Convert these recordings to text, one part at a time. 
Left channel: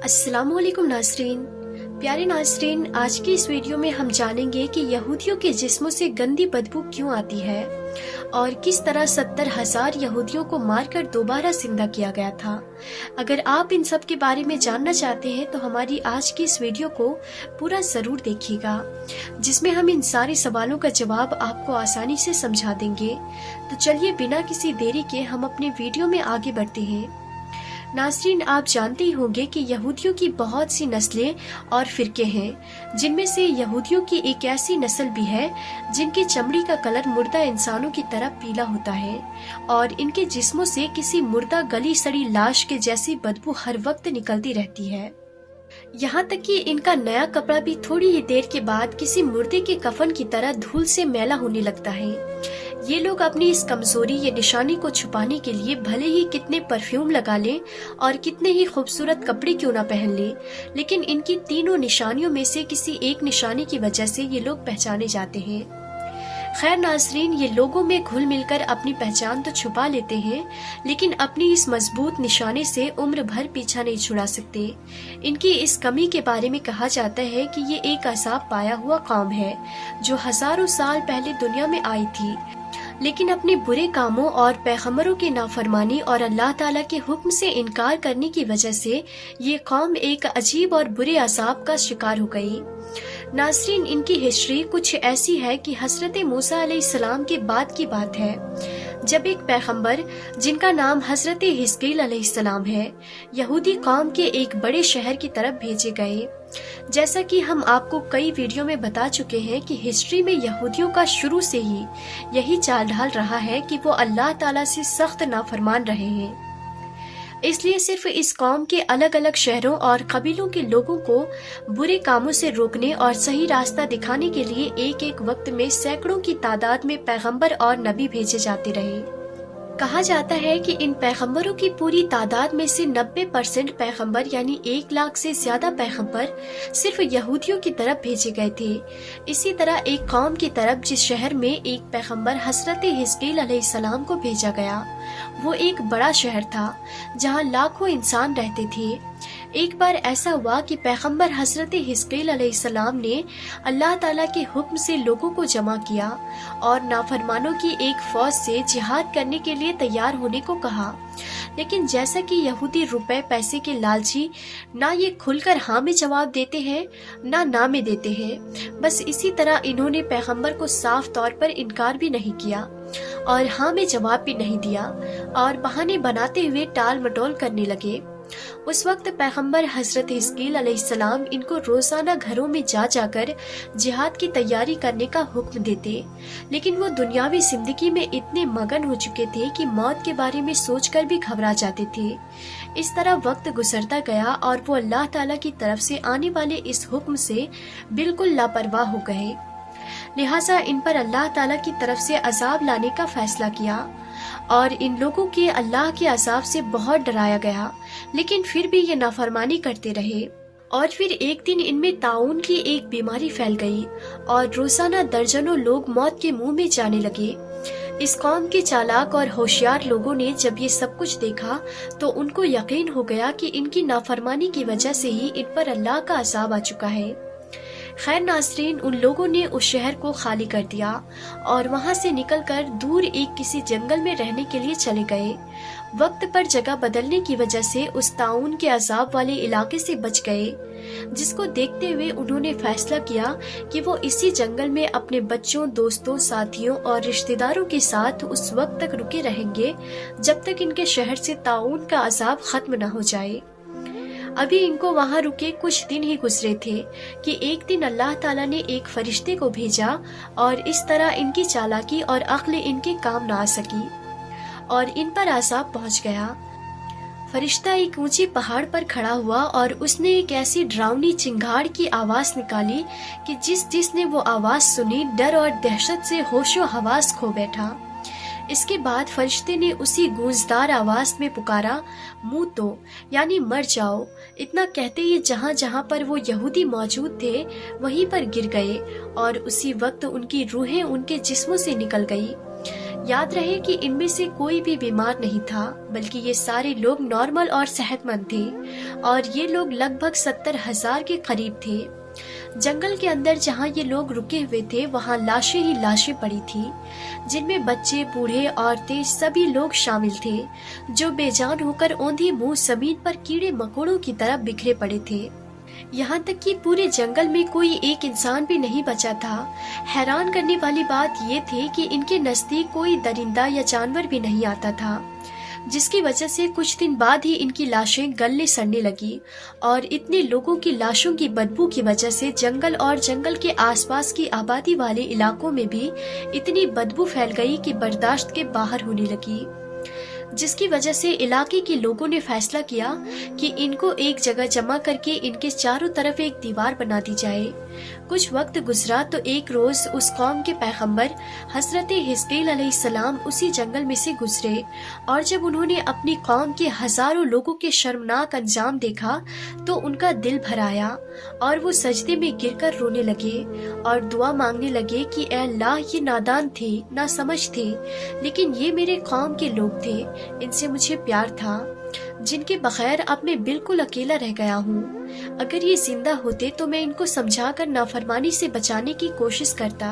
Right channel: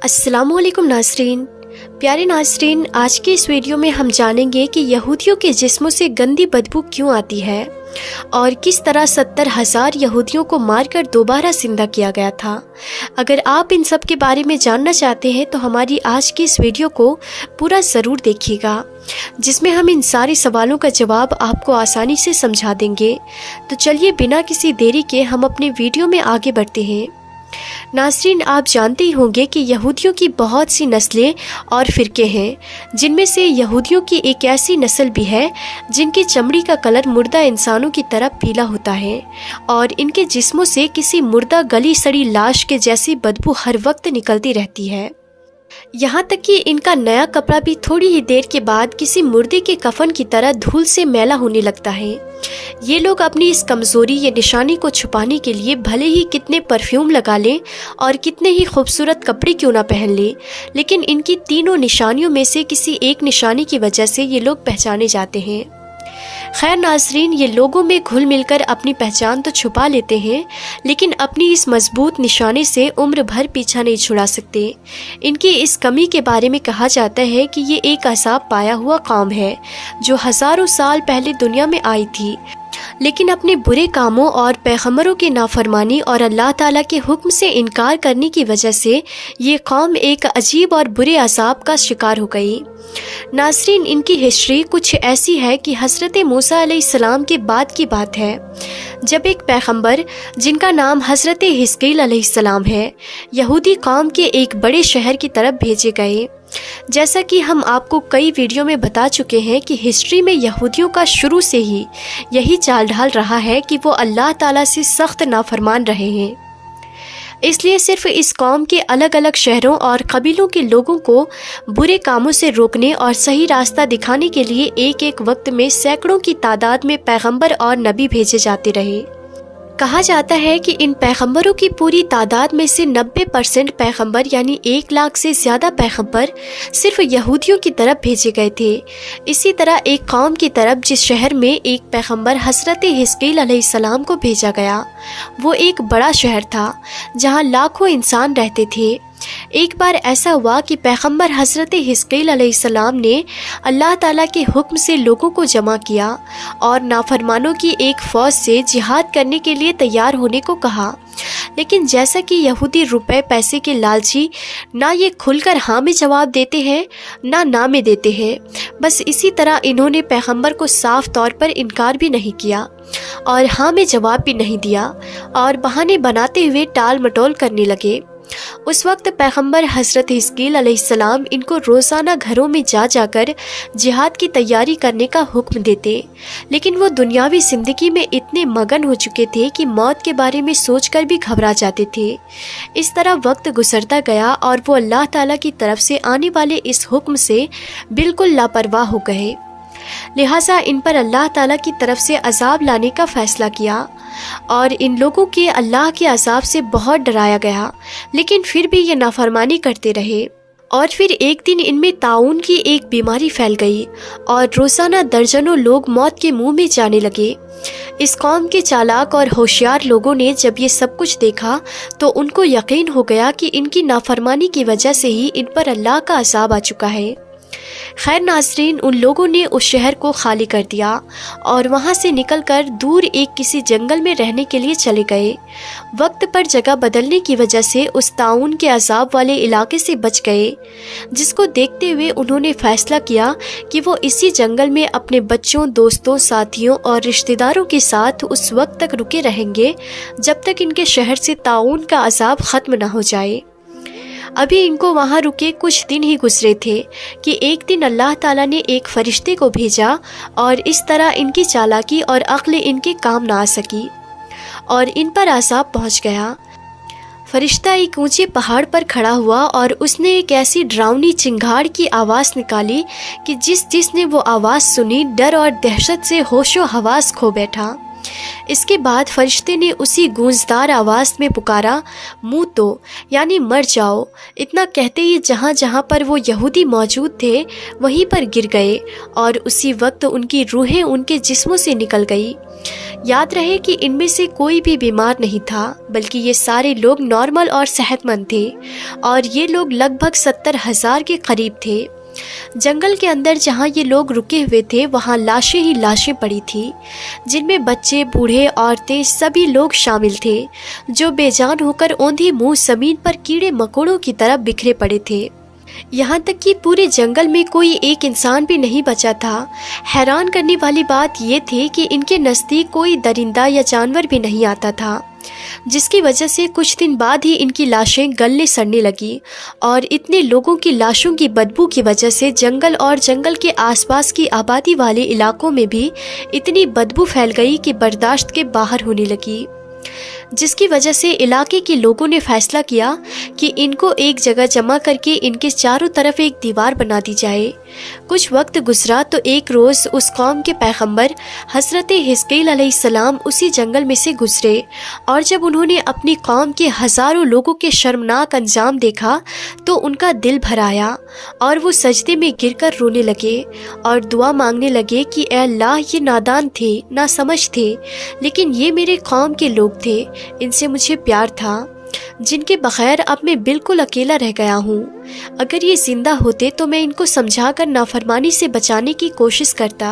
अस्सलाम वालेकुम नाज़रीन। प्यारे नाज़रीन, आज के इस वीडियो में हम जानेंगे कि यहूदियों के जिस्मों से गंदी बदबू क्यों आती है और किस तरह 70,000 यहूदियों को मारकर दोबारा जिंदा किया गया था। अगर आप इन सब के बारे में जानना चाहते हैं तो हमारी आज की इस वीडियो को पूरा ज़रूर देखिएगा, जिसमें हम इन सारे सवालों का जवाब आपको आसानी से समझा देंगे। तो चलिए बिना किसी देरी के हम अपने वीडियो में आगे बढ़ते हैं। नाज़रीन, आप जानते ही होंगे कि यहूदियों की बहुत सी नस्लें और फ़िरके हैं, जिनमें से यहूदियों की एक ऐसी नस्ल भी है जिनकी चमड़ी का कलर मुर्दा इंसानों की तरह पीला होता है और इनके जिस्मों से किसी मुर्दा गली सड़ी लाश के जैसी बदबू हर वक्त निकलती रहती है। यहाँ तक कि इनका नया कपड़ा भी थोड़ी ही देर के बाद किसी मुर्दे के कफन की तरह धूल से मैला होने लगता है। ये लोग अपनी इस कमज़ोरी या निशानी को छुपाने के लिए भले ही कितने परफ्यूम लगा लें और कितने ही खूबसूरत कपड़े क्यों ना पहन लें, लेकिन इनकी तीनों निशानियों में से किसी एक निशानी की वजह से ये लोग पहचाने जाते हैं। खैर नाज़रीन, ये लोगों में घुल मिलकर अपनी पहचान तो छुपा लेते हैं, लेकिन अपनी इस मजबूत निशाने से उम्र भर पीछा नहीं छुड़ा सकते। इनकी इस कमी के बारे में कहा जाता है कि ये एक अज़ाब पाया हुआ कौम है जो हज़ारों साल पहले दुनिया में आई थी, लेकिन अपने बुरे कामों और पैगंबरों के नाफरमानी और अल्लाह ताला के हुक्म से इनकार करने की वजह से ये कौम एक अजीब और बुरे अज़ाब का शिकार हो गई। नाज़रीन, इनकी हिस्ट्री कुछ ऐसी है कि हज़रत मूसा अलैहिस्सलाम के बाद की बात है, जब एक पैगंबर जिनका नाम हज़रत हिस्कील अलैहिस्सलाम है, यहूदी कौम के एक बड़े शहर की तरफ भेजे गए। जैसा कि हम आपको कई वीडियो में बता चुके हैं कि हिस्ट्री में यहूदियों का शुरू से ही यही चाल ढाल रहा है कि वो अल्लाह ताला से सख्त नाफरमान रहे हैं। इसलिए सिर्फ इस कौम के अलग अलग शहरों और कबीलों के लोगों को बुरे कामों से रोकने और सही रास्ता दिखाने के लिए एक एक वक्त में सैकड़ों की तादाद में पैगंबर और नबी भेजे जाते रहे। कहा जाता है कि इन पैगंबरों की पूरी तादाद में से 90% पैगंबर यानी 1 लाख से ज़्यादा पैगंबर सिर्फ यहूदियों की तरफ भेजे गए थे। इसी तरह एक कौम की तरफ जिस शहर में एक पैगंबर हज़रत हिस्कील अलैहिस्सलाम को भेजा गया, वो एक बड़ा शहर था जहाँ लाखों इंसान रहते थे। एक बार ऐसा हुआ कि पैगंबर हज़रत हिस्कील अलैहिस्सलाम ने अल्लाह ताला के हुक्म से लोगों को जमा किया और नाफरमानों की एक फ़ौज से जिहाद करने के लिए तैयार होने को कहा। लेकिन जैसा कि यहूदी रुपए पैसे के लालची ना ये खुलकर हाँ में जवाब देते हैं ना में देते हैं, बस इसी तरह इन्होंने पैगंबर को साफ तौर पर इनकार भी नहीं किया और हाँ में जवाब भी नहीं दिया और बहाने बनाते हुए टाल मटोल करने लगे। उस वक्त पैगंबर हज़रत हिस्कील अलैहिस्सलाम इनको रोज़ाना घरों में जाकर जिहाद की तैयारी करने का हुक्म देते, लेकिन वो दुनियावी ज़िंदगी में इतने मगन हो चुके थे कि मौत के बारे में सोचकर भी घबरा जाते थे। इस तरह वक्त गुजरता गया और वो अल्लाह ताला की तरफ से आने वाले इस हुक्म से बिल्कुल लापरवाह हो गए। लिहाजा इन पर अल्लाह ताला की तरफ से अजाब लाने का फ़ैसला किया और इन लोगों के अल्लाह के अजाब से बहुत डराया गया, लेकिन फिर भी ये नाफरमानी करते रहे। और फिर एक दिन इनमें ताउन की एक बीमारी फैल गई और रोज़ाना दर्जनों लोग मौत के मुंह में जाने लगे। इस कौम के चालाक और होशियार लोगों ने जब ये सब कुछ देखा तो उनको यकीन हो गया कि इनकी नाफरमानी की वजह से ही इन पर अल्लाह का अजाब आ चुका है। खैर नाज़रीन, उन लोगों ने उस शहर को खाली कर दिया और वहाँ से निकलकर दूर एक किसी जंगल में रहने के लिए चले गए। वक्त पर जगह बदलने की वजह से उस ताउन के अजाब वाले इलाके से बच गए, जिसको देखते हुए उन्होंने फ़ैसला किया कि वो इसी जंगल में अपने बच्चों, दोस्तों, साथियों और रिश्तेदारों के साथ उस वक्त तक रुके रहेंगे जब तक इनके शहर से ताउन का अजाब ख़त्म न हो जाए। अभी इनको वहाँ रुके कुछ दिन ही गुजरे थे कि एक दिन अल्लाह ताला ने एक फरिश्ते को भेजा और इस तरह इनकी चालाकी और अक्ल इनके काम ना आ सकी और इन पर अज़ाब पहुँच गया। फरिश्ता एक ऊंचे पहाड़ पर खड़ा हुआ और उसने एक ऐसी डरावनी चिंगाड़ की आवाज़ निकाली कि जिसने वो आवाज़ सुनी डर और दहशत से होशो हवास खो बैठा। इसके बाद फरिश्ते ने उसी गूंजदार आवाज़ में पुकारा, मुँह तो यानी मर जाओ। इतना कहते ही जहाँ जहाँ पर वो यहूदी मौजूद थे वहीं पर गिर गए और उसी वक्त उनकी रूहें उनके जिस्मों से निकल गई। याद रहे कि इनमें से कोई भी बीमार नहीं था, बल्कि ये सारे लोग नॉर्मल और सेहतमंद थे और ये लोग लगभग 70,000 के करीब थे। जंगल के अंदर जहाँ ये लोग रुके हुए थे वहाँ लाशें ही लाशें पड़ी थी, जिनमें बच्चे, बूढ़े, औरतें सभी लोग शामिल थे, जो बेजान होकर औंधे मुंह जमीन पर कीड़े मकोड़ों की तरह बिखरे पड़े थे। यहाँ तक कि पूरे जंगल में कोई एक इंसान भी नहीं बचा था। हैरान करने वाली बात ये थी कि इनके नज़दीक कोई दरिंदा या जानवर भी नहीं आता था, जिसकी वजह से कुछ दिन बाद ही इनकी लाशें गलने सड़ने लगी और इतने लोगों की लाशों की बदबू की वजह से जंगल और जंगल के आसपास की आबादी वाले इलाकों में भी इतनी बदबू फैल गई कि बर्दाश्त के बाहर होने लगी, जिसकी वजह से इलाके के लोगों ने फैसला किया कि इनको एक जगह जमा करके इनके चारों तरफ एक दीवार बना दी जाए। कुछ वक्त गुजरा तो एक रोज़ उस कौम के पैगंबर हज़रत हिज़्क़ील अलैहिस्सलाम उसी जंगल में से गुजरे और जब उन्होंने अपनी कौम के हज़ारों लोगों के शर्मनाक अंजाम देखा तो उनका दिल भर आया और वो सजदे में गिरकर रोने लगे और दुआ मांगने लगे कि ए अल्लाह, ये नादान थे, ना समझ थे, लेकिन ये मेरे कौम के लोग थे, इनसे मुझे प्यार था, जिनके बगैर अब मैं बिल्कुल अकेला रह गया हूँ। अगर ये जिंदा होते तो मैं इनको समझाकर नाफरमानी से बचाने की कोशिश करता।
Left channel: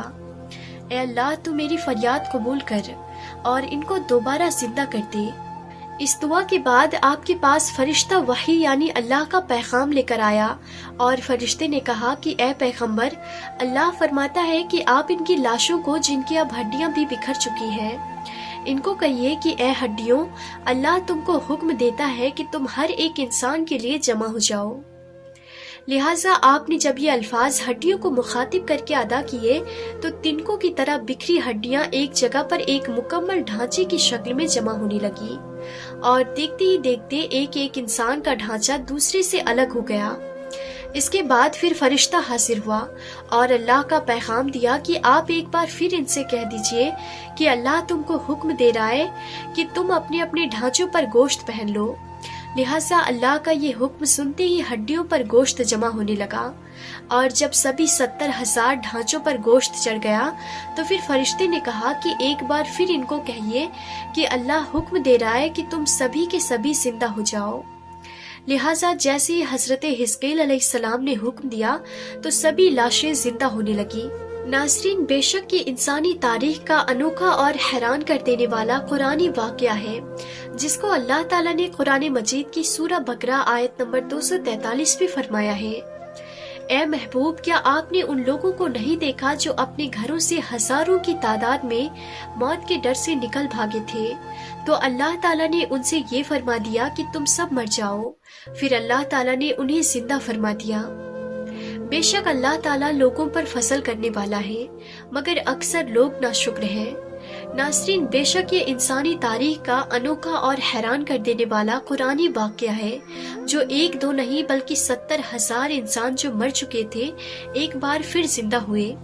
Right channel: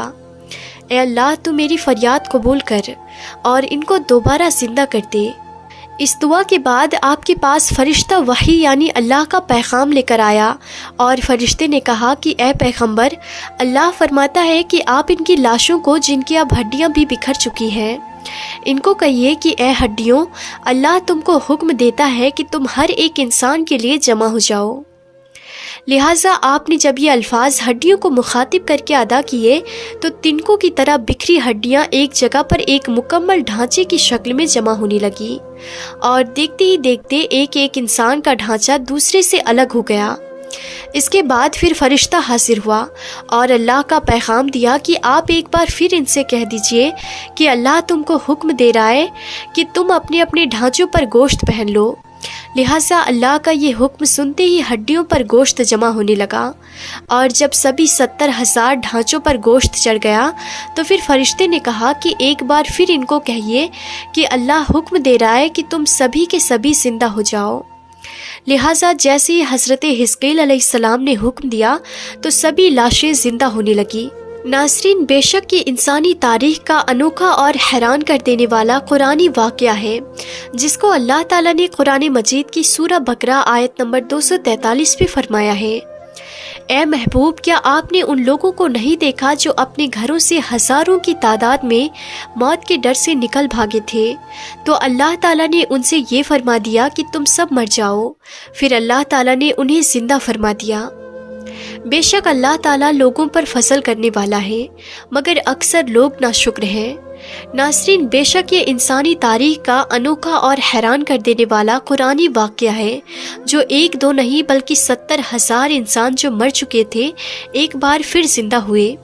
ए अल्लाह, तू मेरी फरियाद कबूल कर और इनको दोबारा जिंदा कर दे। इस दुआ के बाद आपके पास फरिश्ता वही यानी अल्लाह का पैगाम लेकर आया और फरिश्ते ने कहा कि ए पैगंबर, अल्लाह फरमाता है कि आप इनकी लाशों को, जिनकी अब हड्डियां भी बिखर चुकी हैं, इनको कहिए कि ए हड्डियों, अल्लाह तुमको हुक्म देता है कि तुम हर एक इंसान के लिए जमा हो जाओ। लिहाजा आपने जब ये अल्फाज हड्डियों को मुखातिब करके अदा किए तो तिनकों की तरह बिखरी हड्डियां एक जगह पर एक मुकम्मल ढांचे की शक्ल में जमा होने लगी और देखते ही देखते एक एक इंसान का ढांचा दूसरे से अलग हो गया। इसके बाद फिर फरिश्ता हाजिर हुआ और अल्लाह का पैगाम दिया कि आप एक बार फिर इनसे कह दीजिए कि अल्लाह तुमको हुक्म दे रहा है कि तुम अपने अपने ढांचों पर गोश्त पहन लो। लिहाजा अल्लाह का ये हुक्म सुनते ही हड्डियों पर गोश्त जमा होने लगा और जब सभी 70,000 ढांचों पर गोश्त चढ़ गया तो फिर फरिश्ते ने कहा कि एक बार फिर इनको कहिए कि अल्लाह हुक्म दे रहा है कि तुम सभी के सभी जिंदा हो जाओ। लिहाजा जैसे ही हज़रत हिज़्क़ील अलैहिस्सलाम ने हुक्म दिया तो सभी लाशें जिंदा होने लगी। नाज़रीन, बेशक ये इंसानी तारीख का अनोखा और हैरान कर देने वाला कुरानी वाक़या है, जिसको अल्लाह ताला ने कुरान मजीद की सूरह बकरा आयत नंबर 243 पे फरमाया है। ए महबूब, क्या आपने उन लोगों को नहीं देखा जो अपने घरों से हज़ारों की तादाद में मौत के डर से निकल भागे थे? तो अल्लाह ताला ने उनसे ये फरमा दिया कि तुम सब मर जाओ। फिर अल्लाह ताला ने उन्हें जिंदा फरमा दिया। बेशक अल्लाह ताला लोगों पर फजल करने वाला है, मगर अक्सर लोग नाशुक्र हैं। नाज़रीन, बेशक ये इंसानी तारीख का अनोखा और हैरान कर देने वाला कुरानी वाक़या है, जो एक दो नहीं बल्कि 70,000 इंसान जो मर चुके थे एक बार फिर जिंदा हुए।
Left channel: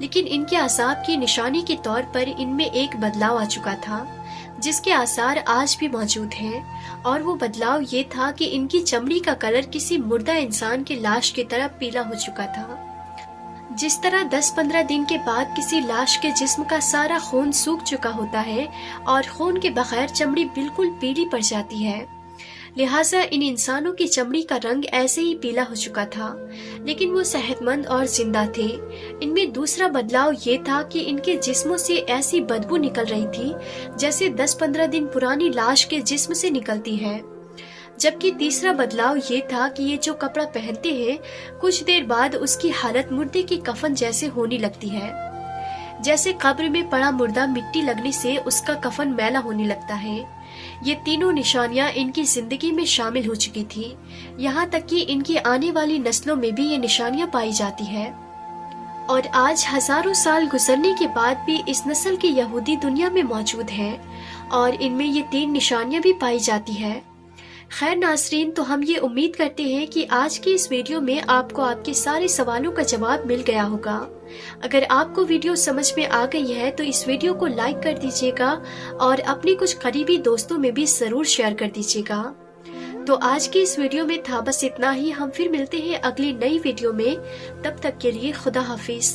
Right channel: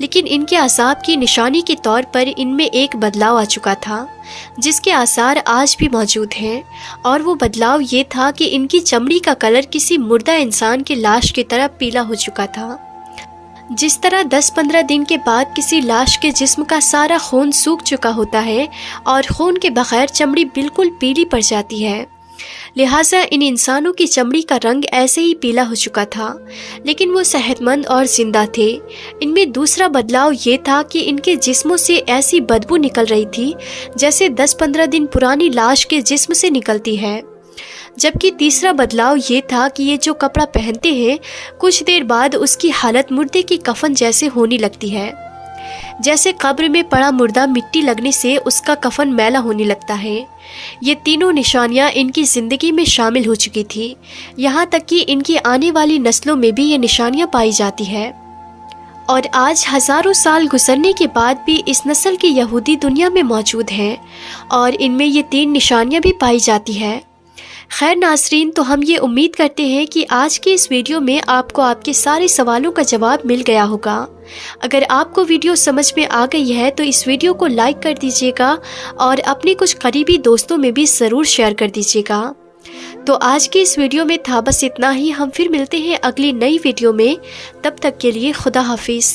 लेकिन इनके अज़ाब की निशानी के तौर पर इनमें एक बदलाव आ चुका था, जिसके आसार आज भी मौजूद हैं, और वो बदलाव ये था कि इनकी चमड़ी का कलर किसी मुर्दा इंसान की लाश की तरह पीला हो चुका था। जिस तरह 10-15 दिन के बाद किसी लाश के जिस्म का सारा खून सूख चुका होता है और खून के बगैर चमड़ी बिल्कुल पीली पड़ जाती है, लिहाजा इन इंसानों की चमड़ी का रंग ऐसे ही पीला हो चुका था, लेकिन वो सेहतमंद और जिंदा थे। इनमें दूसरा बदलाव ये था कि इनके जिस्मों से ऐसी बदबू निकल रही थी जैसे 10-15 दिन पुरानी लाश के जिस्म से निकलती है। जबकि तीसरा बदलाव ये था कि ये जो कपड़ा पहनते हैं कुछ देर बाद उसकी हालत मुर्दे की कफन जैसे होने लगती है। जैसे कब्र में पड़ा मुर्दा मिट्टी लगने से उसका कफन मैला होने लगता है। ये तीनों निशानियां इनकी ज़िंदगी में शामिल हो चुकी थी, यहाँ तक कि इनकी आने वाली नस्लों में भी ये निशानियां पाई जाती है। और आज हज़ारों साल गुजरने के बाद भी इस नस्ल के यहूदी दुनिया में मौजूद हैं और इनमें ये 3 निशानियां भी पाई जाती है। खैर नाज़रीन, तो हम ये उम्मीद करते हैं कि आज के इस वीडियो में आपको आपके सारे सवालों का जवाब मिल गया होगा। अगर आपको वीडियो समझ में आ गई है तो इस वीडियो को लाइक कर दीजिएगा और अपने कुछ करीबी दोस्तों में भी ज़रूर शेयर कर दीजिएगा। तो आज के इस वीडियो में था बस इतना ही। हम फिर मिलते हैं अगली नई वीडियो में। तब तक के लिए खुदा हाफिज़।